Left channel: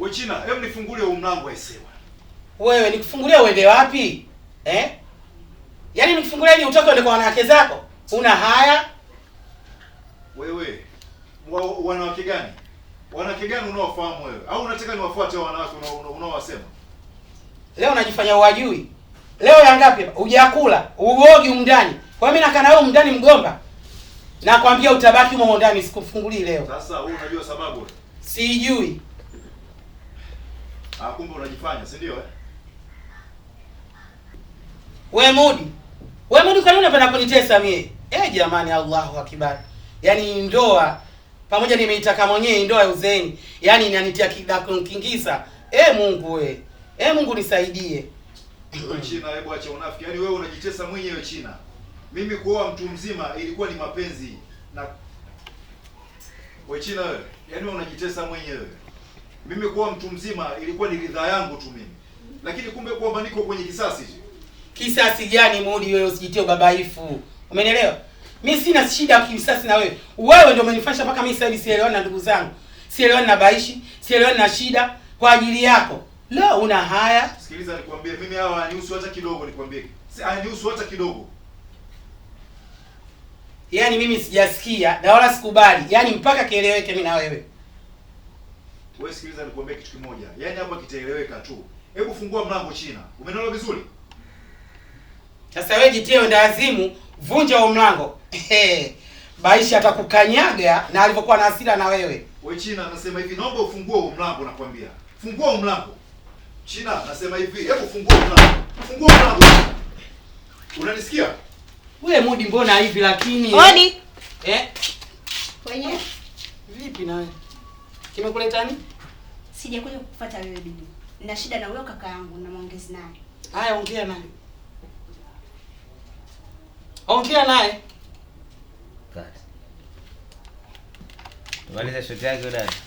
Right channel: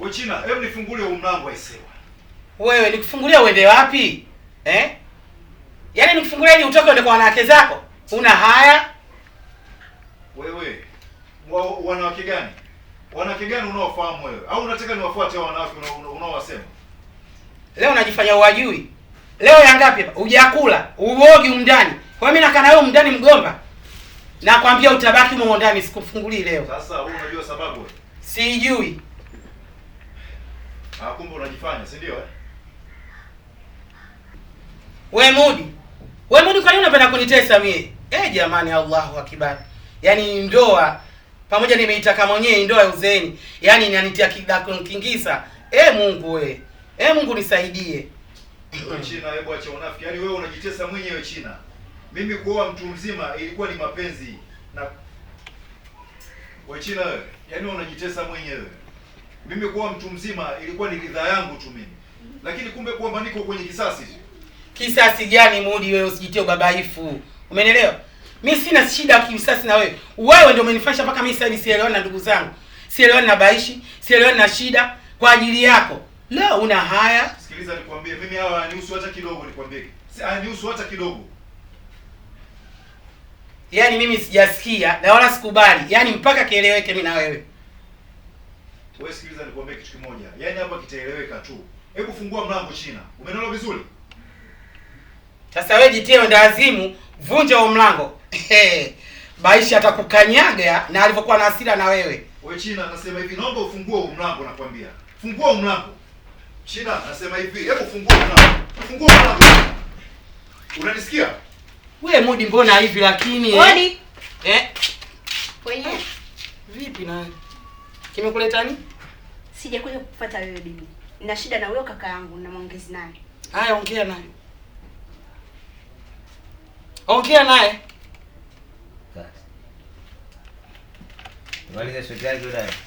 Wewe China, hebu nifungulie huu mlango aisewa. Wewe nikufungulia uende wapi? Yaani nikufungulia ili utoke uende kwa wanawake zako? Una haya? Wewe wanawake gani? Wanawake gani unaofahamu wewe? Au unataka niwafuate wanawake unaowasema? Leo unajifanya uwajui. Leo ya ngapi hapa? Hujakula, uogi umndani. Kwa mimi nakaa na wewe umndani mgomba. Nakwambia utabaki humo ndani sikufungulii leo. Sasa wewe unajua sababu wewe? Sijui. Kumbe unajifanya, si ndio? Wewe Mudi. Wewe Mudi, kwa nini unapenda kunitesa mimi? Jamani, Allahu Akbar. Yaani ndoa pamoja nimeitaka mwenyewe ndoa ya uzeeni. Yaani inanitia kidako kingisa. Mungu wewe. Mungu nisaidie. China, hebu acha unafiki. Yaani wewe unajitesa mwenyewe China. Mimi kuoa mtu mzima ilikuwa ni mapenzi na wewe China wewe. Yaani wewe unajitesa mwenyewe. Mimi kuoa mtu mzima ilikuwa ni ridhaa yangu tu mimi. Lakini kumbe kwamba niko kwenye kisasi. Kisasi gani Mudi wewe, usijitie ubabaifu. Umenielewa? Mimi sina shida ya kisasi na wewe. Wewe ndio umenifanya mpaka mimi sasa hivi sielewani na ndugu zangu. Sielewani na Baishi, sielewani na Shida kwa ajili yako. Leo una haya? Sikiliza nikwambie, mimi hawa hanihusu hata kidogo nikwambie. Si hanihusu hata kidogo. Yaani mimi sijasikia na wala sikubali. Yaani mpaka kieleweke mimi na wewe. Wewe sikiliza nikwambie kitu kimoja. Yaani hapa kitaeleweka tu. Hebu fungua mlango China. Umeelewa vizuri? Sasa wewe jitie ndazimu, vunja huo mlango. Baishi atakukanyaga na alivyokuwa na hasira na wewe. Wewe China, nasema hivi, naomba ufungue huo mlango nakwambia. Fungua huo mlango. China, nasema hivi, hebu fungua mlango. Fungua mlango. Unanisikia? Wewe Mudi, mbona hivi lakini? Mudi. Wenyewe. Vipi na wewe? Kimekuleta nini? Sija kuja kukufuata wewe bibi. Nina shida na wewe kaka yangu na maongezi naye. Haya, ongea naye. Ongea naye. Maliza shoti yake yule.